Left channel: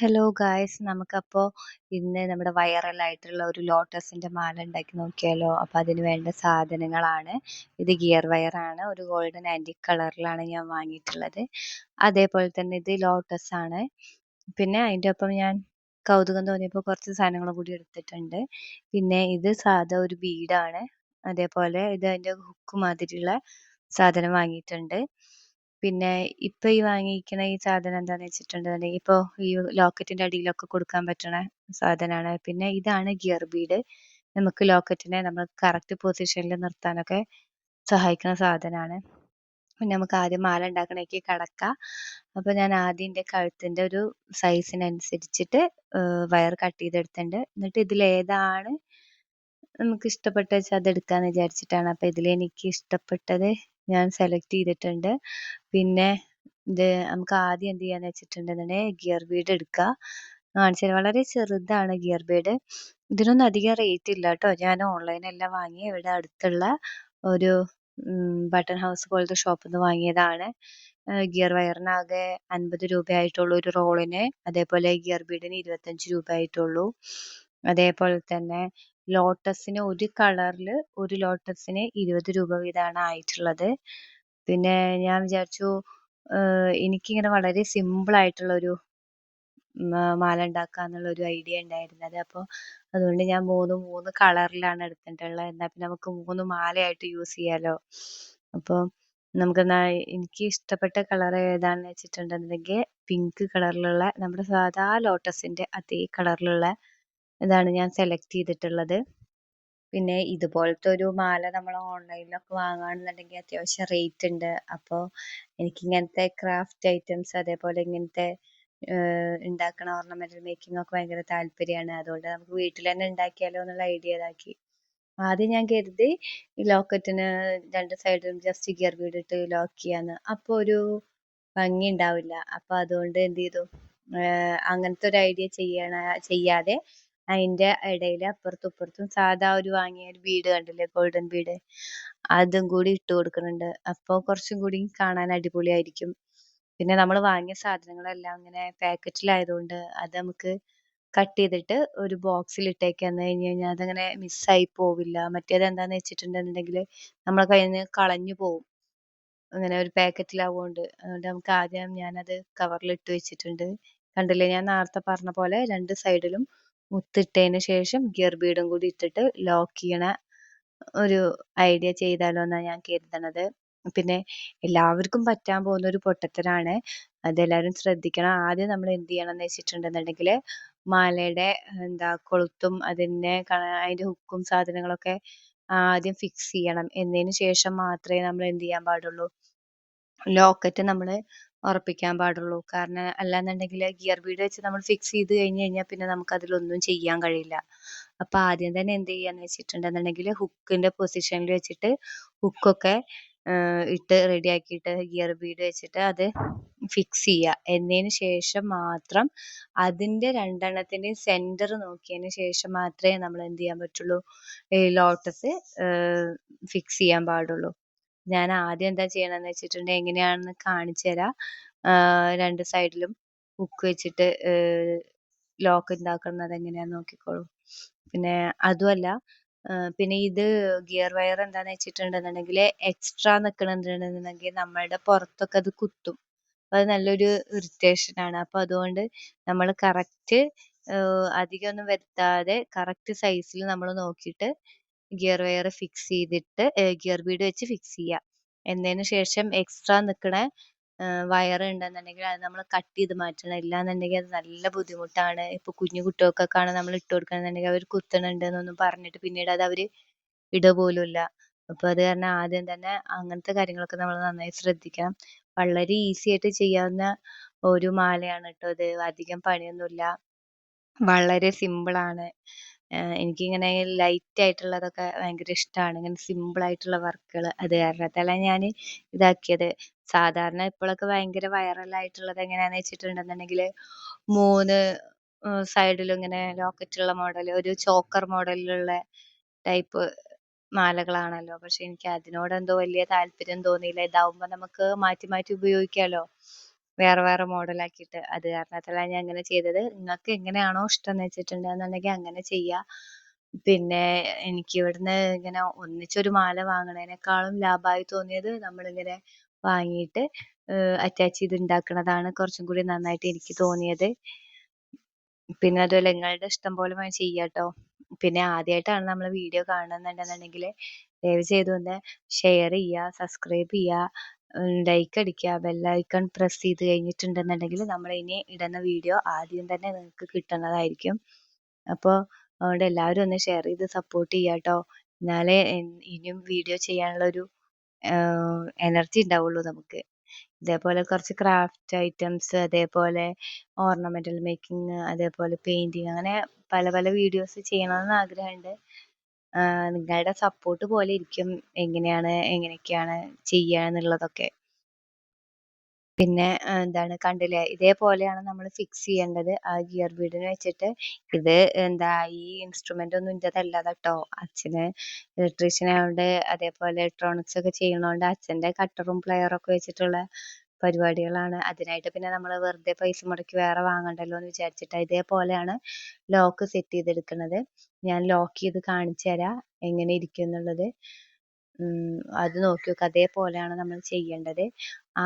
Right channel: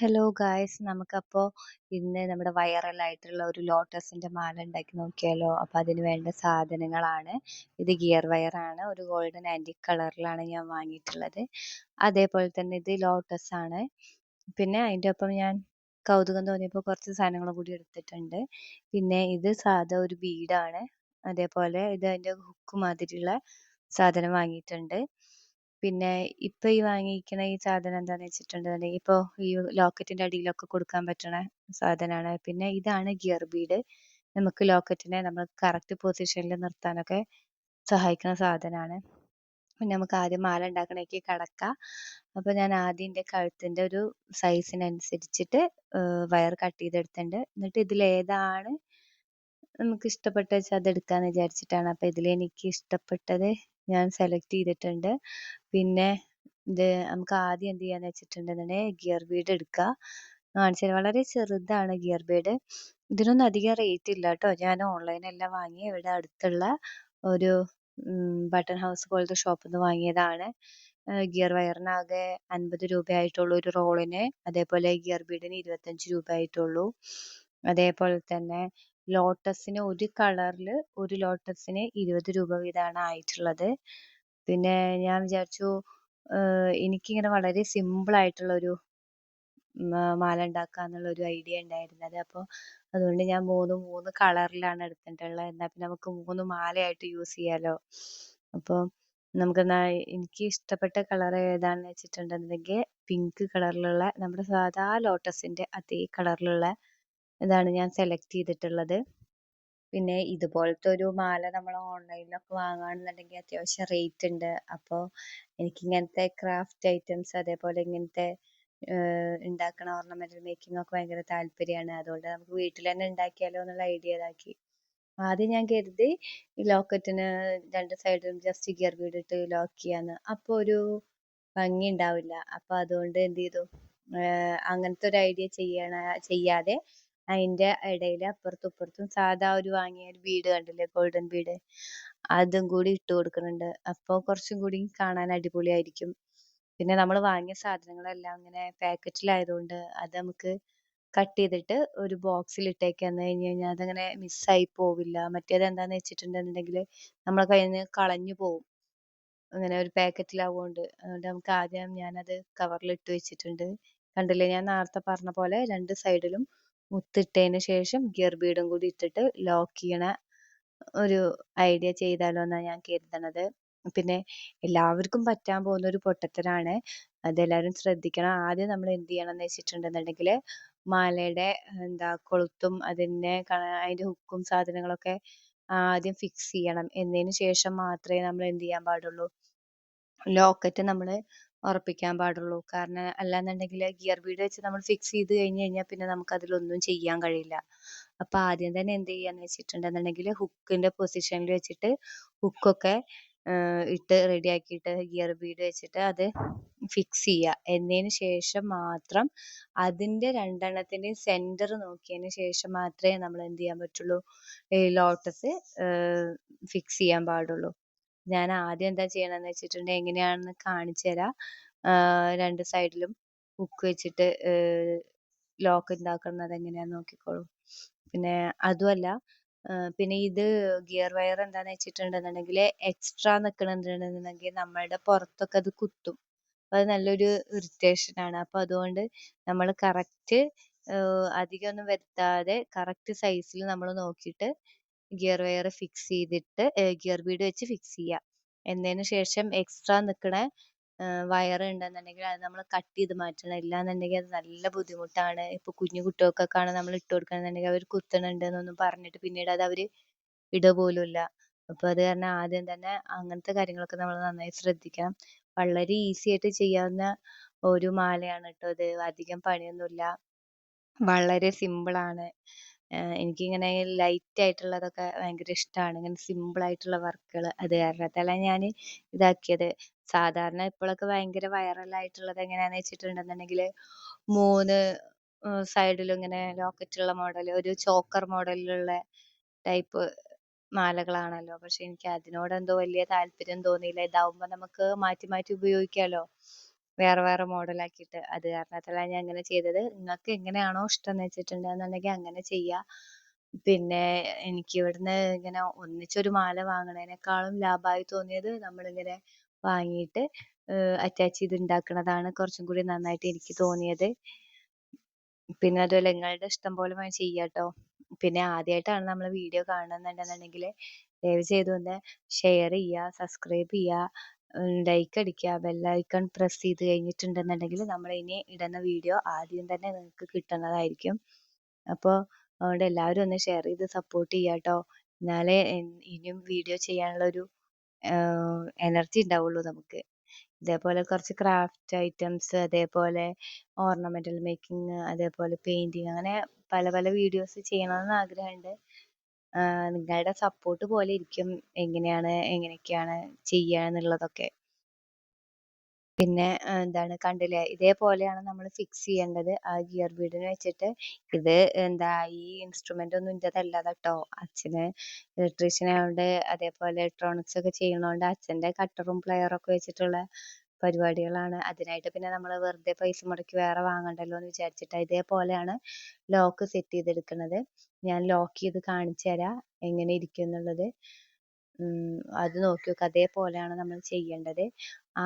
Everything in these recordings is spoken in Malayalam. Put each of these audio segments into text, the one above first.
ഹലോ ഗായ്സ് നമുക്കപ്പോ ഇന്ന് നമ്മുടെ വൈറലായിട്ടുള്ള ഒരു ലോട്ടസിന്റെ മാല ഉണ്ടാക്കി നോക്കിയാലോ. അപ്പൊ അതിന് വേണ്ട സാധനങ്ങളാണ് ഇത്. ഗിയർ വയർ ആണ്, ഒരു ഗോൾഡൻ ആന്റിക് കളറിലാണ് ഞാൻ വാങ്ങിയിട്ടുള്ളത്. അതേപോലെ തന്നെ ഇത് ലോട്ടസ് ആണ്. പിന്നെ അതിൻ്റെ ഒപ്പം ഞാൻ കൗതുകം തോന്നിയപ്പോൾ കുറച്ച് സാധനങ്ങളും കൂടി എടുത്തിട്ടുണ്ട്. പിന്നെ ഇത് സാധാ ഒരു ബീഡാണ്. അതേപോലെ ഇത് അതിൻ്റെ ഹുക്ക് മാതിരിയുള്ള സാധനം വാങ്ങിയിട്ടുണ്ട്. പിന്നെ ഇപ്പൊ ഈ വാങ്ങിയിരിക്കുന്ന ഈ സാധനം എന്താന്ന് വെച്ചിട്ടുണ്ടെന്നുണ്ടെങ്കിൽ ഇപ്പൊ ഈ ലോക്കറ്റിന്റെ അടിയിലൊക്കെ കൊടുക്കാൻ പറ്റണ സാധനമാണ്. പിന്നെ ഇതാണ് ഗിയർ ബീഡ്. നമുക്ക് ലോക്കറ്റിനെ നമ്മൾ കറക്റ്റ് പൊസിഷനിൽ നിർത്താനൊക്കെ സഹായിക്കുന്ന സാധനമാണ്. പിന്നെ നമുക്ക് ആദ്യം മാല ഉണ്ടാക്കണേക്ക് കടക്കാം. അപ്പൊ ഞാൻ ആദ്യം എൻ്റെ കഴുത്തിന്റെ ഒരു സൈസിനനുസരിച്ചിട്ട് വയർ കട്ട് ചെയ്തെടുത്തിട്ടുണ്ട്. എന്നിട്ട് ഇതിലേതാണ് നമുക്ക് ഇഷ്ടപ്പെട്ട വെച്ചാൽ അത് എടുക്കാന്ന് വിചാരിച്ചിട്ടാണ്. അപ്പൊ ഇതിൽ എനിക്ക് ഇഷ്ടപ്പെട്ടത് ഞാൻ സെലക്ട് ചെയ്തിട്ടുണ്ട്. പിന്നെ ഇത് നമുക്ക് ആദ്യം എന്ത് ചെയ്യാന്ന് വെച്ചിട്ടുണ്ടെന്നുണ്ടെങ്കിൽ ഗിയർ ബീഡ് എടുക്കുക. കാണിച്ചാൽ വളരെ ചെറുതാണ് ഗിയർ ബീഡ്. ഇതിനൊന്നും അധികം റേറ്റ് ഇല്ല കേട്ടോ. ഞാൻ ഓൺലൈനല്ല വാങ്ങി, ഇവിടെ അടുത്തുള്ള ഒരു ബട്ടൺ ഹൗസ് പോലത്തെ ഷോപ്പിൽ നിന്ന് വാങ്ങിയതാണ്. ഗിയർ വയറിനാകെ 50 രൂപയായിട്ടുള്ളൂ ഒരു റോളിന്. അതേപോലെ ഗിയർ ബീഡിന് 25 രൂപ ആയിട്ടുള്ളൂ. അതേപോലെ തന്നെ ലോട്ടസിന് ഒരു കളറിൽ ഒരു ലോട്ടസിന് 20 രൂപ വീതമാണ് ആയിട്ടുള്ളത്. പിന്നെ ഞാൻ വിചാരിച്ചു എനിക്കിങ്ങനെ വളരെ സിമ്പിൾ ആയിട്ടുള്ള ഒരു മാല ഉണ്ടാക്കാന്നുള്ള ഒരു ഐഡിയ ഉണ്ടായിരുന്നത്. അപ്പോൾ അതുകൊണ്ട് ഞാൻ മൂന്ന് കളറിലാണ് എടുത്തിട്ടുള്ളത്. എന്നാൽ പിന്നെ നമുക്ക് 3 മാലയായിട്ട് യൂസ് ചെയ്യാലോ. അപ്പോൾ നമുക്കെന്നാ എനിക്ക് ഇഷ്ടപ്പെട്ട കളർ ഏതാണെന്ന് വെച്ചിട്ടുണ്ടെന്നുണ്ടെങ്കിൽ പിങ്ക് കളറിലുള്ള നമ്മുടെ സാധാ ലോട്ടസിന്റെ അതേ കളറിലുള്ള ഇതാണ് ഞാൻ സെലക്ട് ചെയ്തിട്ടുള്ളത്. പിന്നെ ഇതുപോലത്തെ ഒരു മാല നമ്മൾ ഓൺലൈനിലൊക്കെ വാങ്ങുകയാണെന്നുണ്ടെങ്കിൽ അത്യാവശ്യം റേറ്റ് ഉണ്ട്. അപ്പോൾ എനിക്ക് ഇങ്ങനത്തെ ക്രാഫ്റ്റ് ഐറ്റംസ് അതേപോലെ ഇങ്ങനത്തെ ഉണ്ടാക്കണ ഓർണമെന്റൽ മേക്കിംഗ് ഒക്കെ ഭയങ്കര താല്പര്യമാണ്. അതുകൊണ്ട് നമുക്ക് വീട്ടിൽ തന്നെ ഉണ്ടാക്കിയാലോ എന്നുള്ള ഐഡിയ ഇതാക്കി. ആദ്യം ഞാൻ കരുതി ഈ ലോക്കറ്റിന് രണ്ട് സൈഡിലും ജസ്റ്റ് ഗിയർ ബീഡ് ഇട്ട് ലോക്ക് ചെയ്യാന്ന്. അപ്പോൾ ഒരു ഭംഗി ഉണ്ടാവില്ല. അപ്പൊ അതുകൊണ്ട് എന്ത് ചെയ്തു, അങ്ങനത്തെ ഒരു ഐഡിയ ചെയ്യാതെ അതിന്റെ ഇടയിൽ അപ്പുറത്തും ഇപ്പുറത്തും സാധാ ഒരു വാങ്ങിയ ഒരു ബീഡ് കണ്ടില്ലേ, ഗോൾഡൻ ബീഡ്, അതും കൂടി ഇട്ട് കൊടുക്കുന്നുണ്ട്. അപ്പോൾ കുറച്ചും കൂടി കാണാൻ അടിപൊളിയായിരിക്കും. പിന്നെ നമ്മൾ വാങ്ങിയ സാധനങ്ങളെല്ലാം അങ്ങനെ പാക്കറ്റിലായതുകൊണ്ട് അത് നമുക്ക് കട്ട് ചെയ്തിട്ട് ഒരു ബോക്സിൽ ഇട്ടേക്കാന്ന് കഴിഞ്ഞ് കഴിഞ്ഞാൽ അതങ്ങനെ മിസ്സായി പോവില്ല. മറ്റേത് എന്താന്ന് വെച്ചിട്ടുണ്ടെന്നുണ്ടെങ്കിൽ നമ്മളെ കയ്യിൽ നിന്ന് കളഞ്ഞു പോവും, അങ്ങനെ ഒരു പാക്കറ്റിലാവുകൊണ്ട്. അതുകൊണ്ട് നമുക്ക് ആദ്യം ഞാനത് കവറിൽ ഇട്ട് വെച്ചിട്ടുണ്ട്. കണ്ടില്ലേ, ഞാൻ നേരത്തെ പറഞ്ഞ പോലെ രണ്ട് സൈഡിലും മുത്തിട്ടതിന് ശേഷം ഗിയർ ബീഡും കൂടി ഇട്ടിട്ട് ലോക്ക് ചെയ്യണ ഒരു ഐഡിയ ചെയ്താലോ എന്നാണ് ഞാൻ കരുതണത്. പിന്നെ എല്ലാവർക്കും പറ്റാൻ പോകുന്ന ഒരു പൊട്ടത്തരാണ്, അതെല്ലാവരും ശ്രദ്ധിക്കണം. ആദ്യം നമ്മൾ എന്ത് ചെയ്യണം എന്ന് വെച്ചിട്ടുണ്ടെന്നുണ്ടെങ്കിൽ മാലയുടെ എന്താ കൊളുത്തും അതിന്റെ ഹുക്കും സാധനങ്ങളൊക്കെ ആദ്യം ഫിക്സ് ചെയ്യണം. എന്നതിന് ശേഷം മാത്രമേ നമ്മൾ എന്ത് ചെയ്യാൻ പാടുള്ളൂ, ലോക്കറ്റ് നമ്മൾ ഉറപ്പിക്കാൻ പാടുള്ളൂ. കാരണം അല്ലാന്നുണ്ടെങ്കിൽ ഗിയർ ബീഡ് വെച്ച് നമ്മൾ ഫിക്സ് ചെയ്ത് കഴിഞ്ഞ് കഴിഞ്ഞാൽ പിന്നെ നമുക്ക് അതിലൊന്നും ചെയ്യാൻ കഴിയില്ല. അപ്പൊ ആദ്യം തന്നെ എന്ത് ചെയ്യാന്ന് വെച്ചിട്ടുണ്ടെന്നുണ്ടെങ്കിൽ ഹുക്കിന്റെ പൊസിഷനിൽ വെച്ചിട്ട് ഹുക്കൊക്കെ ഇട്ട് റെഡിയാക്കിയിട്ട് ഗിയർ ബീഡ് വെച്ചിട്ട് അത് ഫിക്സ് ചെയ്യുക. എന്നതിന് ശേഷം മാത്രം അതിന്റെ രണ്ടെണ്ണത്തിന്റെ സെന്റർ നോക്കിയതിന് ശേഷം മാത്രമേ നമ്മൾ എന്ത് ചെയ്യാൻ പറ്റുള്ളൂ, ഈ ലോട്ടസ് ഫിക്സ് ചെയ്യാൻ പാടുള്ളൂ. ഞാൻ ആദ്യം എന്താ ചെയ്യണമെന്ന് വെച്ചിട്ടുണ്ടെങ്കിൽ എങ്ങനെയാണെന്ന് കാണിച്ചു തരാം. രണ്ട് സൈഡിലും ഹുക്ക് വെച്ചിട്ട് ലോക്ക് ഉണ്ടാക്കുന്നത് എങ്ങനെയാന്ന് നോക്കിക്കോളൂ. പിന്നെ അതുമല്ല, പിന്നെ ഇത് ഗിയർ വയർ എന്താന്ന് വെച്ചിട്ടുണ്ടെന്നുണ്ടെങ്കിൽ എക്സ്ട്രാ നിൽക്കണമെന്നുണ്ടെന്നുണ്ടെങ്കിൽ നമ്മളുടെ പുറത്തൊക്കെ അത് കുത്തും. അത് നല്ലൊരു ഇറിറ്റേഷൻ ആണ്. അപ്പൊ അതുകൊണ്ട് നമ്മൾ കറക്റ്റ് അധികമൊന്നും വരുത്താതെ കറക്റ്റ് സൈസിൽ നമ്മൾ നോക്കിയിട്ട് ഗിയർ വയർ ഫിക്സ് ചെയ്തിട്ട് ഗിയർ ബീഡ് വെച്ച് ഫിക്സ് ചെയ്യുക. എന്നതിന് ശേഷം എക്സ്ട്രാ നിൽക്കണ വയർ ഉണ്ടെന്നുണ്ടെങ്കിൽ അത് നമ്മൾ കട്ട് ചെയ്ത് മാറ്റണം. ഇല്ലാന്നുണ്ടെങ്കിൽ അത് നല്ല ബുദ്ധിമുട്ടാണ്. ഇപ്പൊ കുഞ്ഞു കുട്ടികൾക്കൊക്കെയാണ് നമ്മൾ ഇട്ട് കൊടുക്കണമെന്നുണ്ടെങ്കിൽ അവർ കുത്തണുണ്ട് എന്നൊന്നും പറഞ്ഞിട്ട് പിന്നീട് അത് അവർ ഇടുക പോലും ഇല്ല. അപ്പൊ അത് കാരണം ആദ്യം തന്നെ അങ്ങനത്തെ കാര്യങ്ങളൊക്കെ നമ്മൾ നന്നായി ശ്രദ്ധിക്കണം. വളരെ ഈസി ആയിട്ട് ചെയ്യാവുന്ന ഒരു മാലയാണ് കേട്ടോ ഇത്. അധികം പണിയൊന്നുമില്ല, വളരെ സിമ്പിൾ ആണ്. എനിക്കിങ്ങനെ ലൈറ്റ് ആയിട്ടുള്ളതൊക്കെ ഭയങ്കര ഇഷ്ടമാണ്, ഇങ്ങനെ സിമ്പിൾ ആയിട്ടുള്ള വർക്കുകൾ. അത് കാരണത്താലാണ് ഞാൻ ഇതാക്കിയത്. സാധാരണ ഇപ്പോഴൊക്കെ ഭയങ്കര വൈറലായിട്ടുള്ളത് എങ്ങനെയാന്ന് വെച്ചിട്ടുണ്ടെന്നുണ്ടെങ്കിൽ 3 സൈഡിലും ഇങ്ങനെ ലോക്കറ്റുള്ള മോഡൽ, ഒരു ചോക്കർ മോഡലിലുള്ള ടൈപ്പ് മാലകളാണല്ലോ. പക്ഷെ എനിക്ക് അതിനോട് എന്തോ വലിയ താല്പര്യം തോന്നിയില്ല. ഇതാവുമ്പോ നമുക്ക് മാറ്റി മാറ്റി ഉപയോഗിക്കാലോ. വേറെ വേറെ മോഡലാക്കിയിട്ട്. അത് കാരണത്താലാണ് ഞാൻ ഇങ്ങനെ ചെയ്തത്. ഇങ്ങക്ക് എങ്ങനെയാണോ ഇഷ്ടംന്ന് വെച്ചിട്ടുണ്ടെന്നുണ്ടെങ്കി അങ്ങനെ ചെയ്യാ. പിന്നെ എനിക്ക് ഇവിടുന്ന് ഇങ്ങനെ ഒന്നിച്ചൊരു മാല വാങ്ങണേനേക്കാളും ലാഭായി തോന്നിയത് നമ്മളിങ്ങനെ വാങ്ങീട്ട് അറ്റാച്ച് ചെയ്ത് ഇണ്ടാക്കണതാണ് കുറച്ചും കൂടി നന്നായിട്ട് എനിക്ക് തോന്നിയത്. പിന്നെ അതുപോലെ ഇങ്ങളുടെ ഇഷ്ടം പോലെ ചെയ്യാട്ടോ. പിന്നെ ആദ്യായിട്ടാണ് നമ്മളെ വീഡിയോ കാണുന്നുണ്ടെന്നുണ്ടെങ്കില് ദയവ് ചെയ്ത് ഒന്ന് ഷെയർ ചെയ്യാ, സബ്സ്ക്രൈബ് ചെയ്യാ, ലൈക്ക് അടിക്കുക, ബെല്ലൈക്കൺ പ്രസ് ചെയ്ത് കഴിഞ്ഞിട്ടുണ്ടെന്നുണ്ടെങ്കിൽ നമ്മൾ ഇനി ഇടുന്ന വീഡിയോ ആദ്യം തന്നെ നിങ്ങൾക്ക് കിട്ടുന്നതായിരിക്കും. അപ്പൊ അതുകൊണ്ട് എല്ലാവരും ഒന്ന് ഷെയർ ചെയ്ത് സപ്പോർട്ട് ചെയ്യാട്ടോ. എന്നാലേ ഇനിയും വീഡിയോ ചെയ്യാനുള്ള ഒരു എനർജി ഉണ്ടാവുള്ളൂ നമുക്ക്. ഇതേപോലെ കുറച്ച് ക്രാഫ്റ്റ് ഐറ്റംസ്, അതേപോലെ ഓർണമെന്റൽ മേക്കിംഗ്, അതേപോലെ പെയിന്റിങ്, അങ്ങനെ പല പല വീഡിയോസ് ചെയ്യണമെന്ന് ആഗ്രഹമുണ്ട്. നിങ്ങളുടെ സപ്പോർട്ട് പോലെ ഇരിക്കും എങ്ങനെയൊക്കെയാണ് ചെയ്യാന്നുള്ളതൊക്കെ. പിന്നെ എന്താണ് കണ്ടില്ലേ, ഇതേപോലെയാണ് നമ്മൾ ഫിക്സ് ചെയ്യേണ്ടത് ആ ഗിയർ ബീഡിന് വെച്ചിട്ട്. ഇത് എന്താ ഈ ഇൻസ്ട്രുമെന്റ് ഒന്നും ഇന്റേതല്ല കേട്ടോ. അച്ഛന് ഇലക്ട്രീഷ്യൻ ആയതുകൊണ്ട്, അതേപോലെ ഇലക്ട്രോണിക്സ് ഒക്കെ ചെയ്യണോണ്ട് അച്ഛന്റെ കട്ടറും പ്ലെയറും ഒക്കെ വെച്ചിട്ടുള്ള പരിപാടികളാണ്. അതിനായിട്ട് പിന്നെ നമ്മൾ വെറുതെ പൈസ മുടക്കി വേറെ വാങ്ങണ്ടല്ലോ എന്ന് വിചാരിച്ചിട്ടാ. ഇതേപോലെയാണ് ലോക്ക് സെറ്റ് ചെയ്തെടുക്കുന്നത്. ഞാൻ ലോക്ക് ചെയ്ത് കാണിച്ചു തരാം എങ്ങനെ ഇരിക്കും എന്നുള്ളത്. അത് നോക്കി നോക്ക്. അതേപോലെയാണ് നമ്മൾ ചെയ്യേണ്ടത്.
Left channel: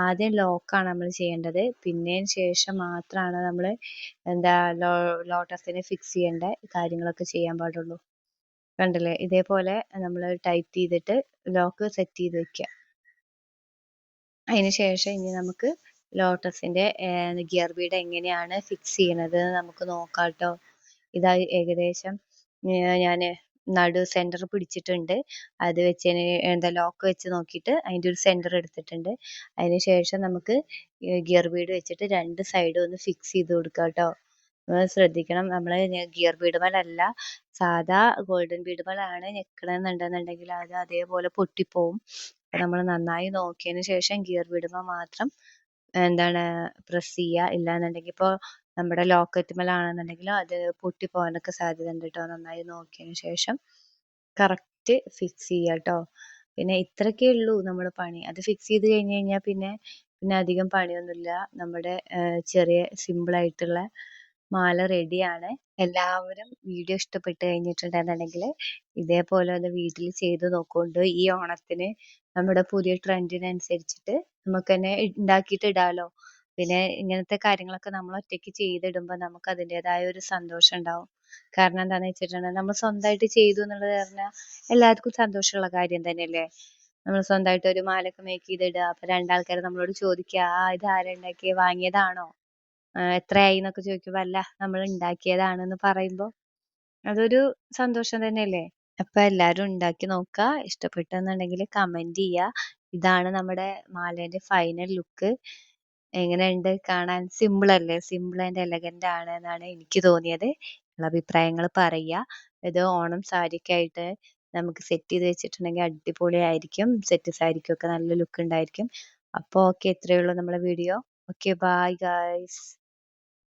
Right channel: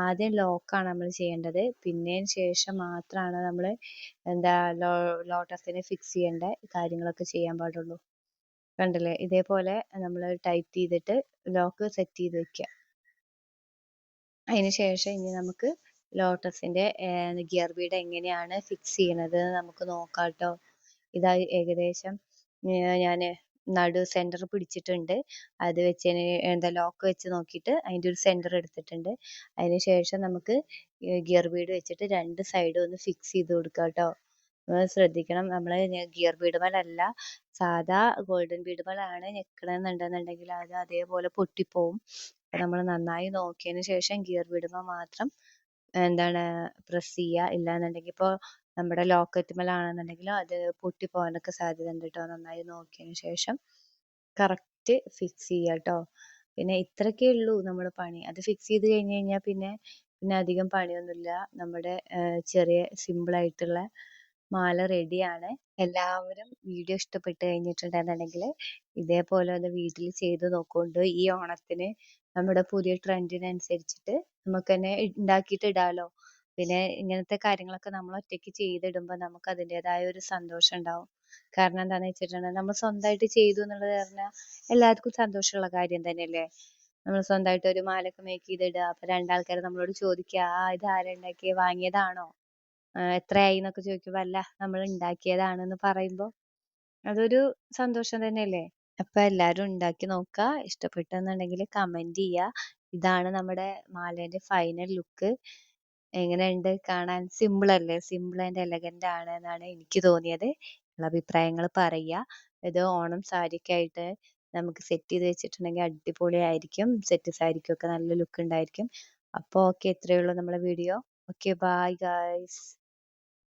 ആദ്യം ലോക്കാണ് നമ്മൾ ചെയ്യേണ്ടത്. പിന്നേന് ശേഷം മാത്രമാണ് നമ്മൾ എന്താ ലോട്ടസിനെ ഫിക്സ് ചെയ്യേണ്ട കാര്യങ്ങളൊക്കെ ചെയ്യാൻ പാടുള്ളൂ. കണ്ടില്ലേ, ഇതേപോലെ നമ്മൾ ടൈറ്റ് ചെയ്തിട്ട് ലോക്ക് സെറ്റ് ചെയ്ത് വെക്കുക. അതിന് ശേഷം ഇനി നമുക്ക് ലോട്ടസിന്റെ ഗിയർ ബീഡ് എങ്ങനെയാണ് ഫിക്സ് ചെയ്യണത് നമുക്ക് നോക്കാട്ടോ. ഇതാ ഏകദേശം ഞാന് നടു സെന്റർ പിടിച്ചിട്ടുണ്ട്. അത് വെച്ചതിന് എന്താ ലോക്ക് വെച്ച് നോക്കിയിട്ട് അതിന്റെ ഒരു സെന്റർ എടുത്തിട്ടുണ്ട്. അതിന് ശേഷം നമുക്ക് ഗിയർ ബീഡ് വെച്ചിട്ട് രണ്ട് സൈഡും ഒന്ന് ഫിക്സ് ചെയ്ത് കൊടുക്കാം കേട്ടോ. ശ്രദ്ധിക്കണം, നമ്മള് ഗിയർ ബീഡുമേലല്ല സാധാ ഗോൾഡൻ ബീഡുമേലാണ് ഞെക്കണമെന്നുണ്ടെന്നുണ്ടെങ്കിൽ അത് അതേപോലെ പൊട്ടിപ്പോവും. അപ്പൊ നമ്മൾ നന്നായി നോക്കിയതിന് ശേഷം ഗിയർ ബീഡുമേ മാത്രം എന്താണ് പ്രസ് ചെയ്യുക. ഇല്ലാന്നുണ്ടെങ്കിൽ ഇപ്പോൾ നമ്മുടെ ലോക്കറ്റുമേലാണെന്നുണ്ടെങ്കിൽ അത് പൊട്ടിപ്പോകാനൊക്കെ സാധ്യത ഉണ്ട് കേട്ടോ. നന്നായി നോക്കിയതിന് ശേഷം കറക്റ്റ് ഫിക്സ് ചെയ്യുക കേട്ടോ. പിന്നെ ഇത്രയൊക്കെ ഉള്ളൂ നമ്മൾ പണി. അത് ഫിക്സ് ചെയ്ത് കഴിഞ്ഞ് കഴിഞ്ഞാൽ പിന്നെ പിന്നെ അധികം പണിയൊന്നുമില്ല. നമ്മുടെ ചെറിയ സിമ്പിൾ ആയിട്ടുള്ള മാല റെഡിയാണ്. എല്ലാവരും വീഡിയോ ഇഷ്ടപ്പെട്ട് കഴിഞ്ഞിട്ടുണ്ടെന്നുണ്ടെങ്കിൽ ഇതേപോലെ ഒന്ന് വീട്ടിൽ ചെയ്ത് നോക്കൊണ്ട്. ഈ ഓണത്തിന് നമ്മുടെ പുതിയ ട്രെൻഡിനനുസരിച്ചിട്ട് നമുക്ക് തന്നെ ഉണ്ടാക്കിയിട്ട് ഇടാലോ. പിന്നെ ഇങ്ങനത്തെ കാര്യങ്ങളൊക്കെ നമ്മൾ ഒറ്റയ്ക്ക് ചെയ്തിടുമ്പോൾ നമുക്ക് അതിൻ്റെതായ ഒരു സന്തോഷം ഉണ്ടാവും. കാരണം എന്താന്ന് വെച്ചിട്ടുണ്ടെങ്കിൽ നമ്മൾ സ്വന്തമായിട്ട് ചെയ്തു എന്നുള്ളത് പറഞ്ഞാൽ എല്ലാവർക്കും സന്തോഷമുള്ള കാര്യം തന്നെയല്ലേ. നമ്മൾ സ്വന്തമായിട്ട് ഒരു മാലയൊക്കെ മേക്ക് ചെയ്തിടുക, അപ്പൊ രണ്ടാൾക്കാർ നമ്മളോട് ചോദിക്കുക, ഇത് ആരാ ഉണ്ടാക്കിയത്, വാങ്ങിയതാണോ, എത്രയായി എന്നൊക്കെ ചോദിക്കുമ്പോ അല്ല നമ്മൾ ഉണ്ടാക്കിയതാണെന്ന് പറയുമ്പോ അതൊരു സന്തോഷം തന്നെയല്ലേ. അപ്പൊ എല്ലാരും ഉണ്ടാക്കി നോക്കുക. ഇഷ്ടപ്പെട്ടെന്നുണ്ടെങ്കിൽ കമന്റ് ചെയ്യുക. ഇതാണ് നമ്മുടെ മാലേന്റെ ഫൈനൽ ലുക്ക്. എങ്ങനെയുണ്ട് കാണാൻ? സിമ്പിൾ അല്ലേ? സിമ്പിൾ ആൻഡ് എലഗന്റ് ആണ് എന്നാണ് എനിക്ക് തോന്നിയത്. നിങ്ങളെ അഭിപ്രായങ്ങൾ പറയുക. ഇത് ഓണം സാരിക്കായിട്ട് നമുക്ക് സെറ്റ് ചെയ്ത് വെച്ചിട്ടുണ്ടെങ്കിൽ അടിപൊളിയായിരിക്കും. സെറ്റ് സാരിക്കൊക്കെ നല്ല ലുക്ക് ഉണ്ടായിരിക്കും. അപ്പൊ ഓക്കെ, ഇത്രയേ ഉള്ളൂ നമ്മളെ വീഡിയോ. Okay, bye guys.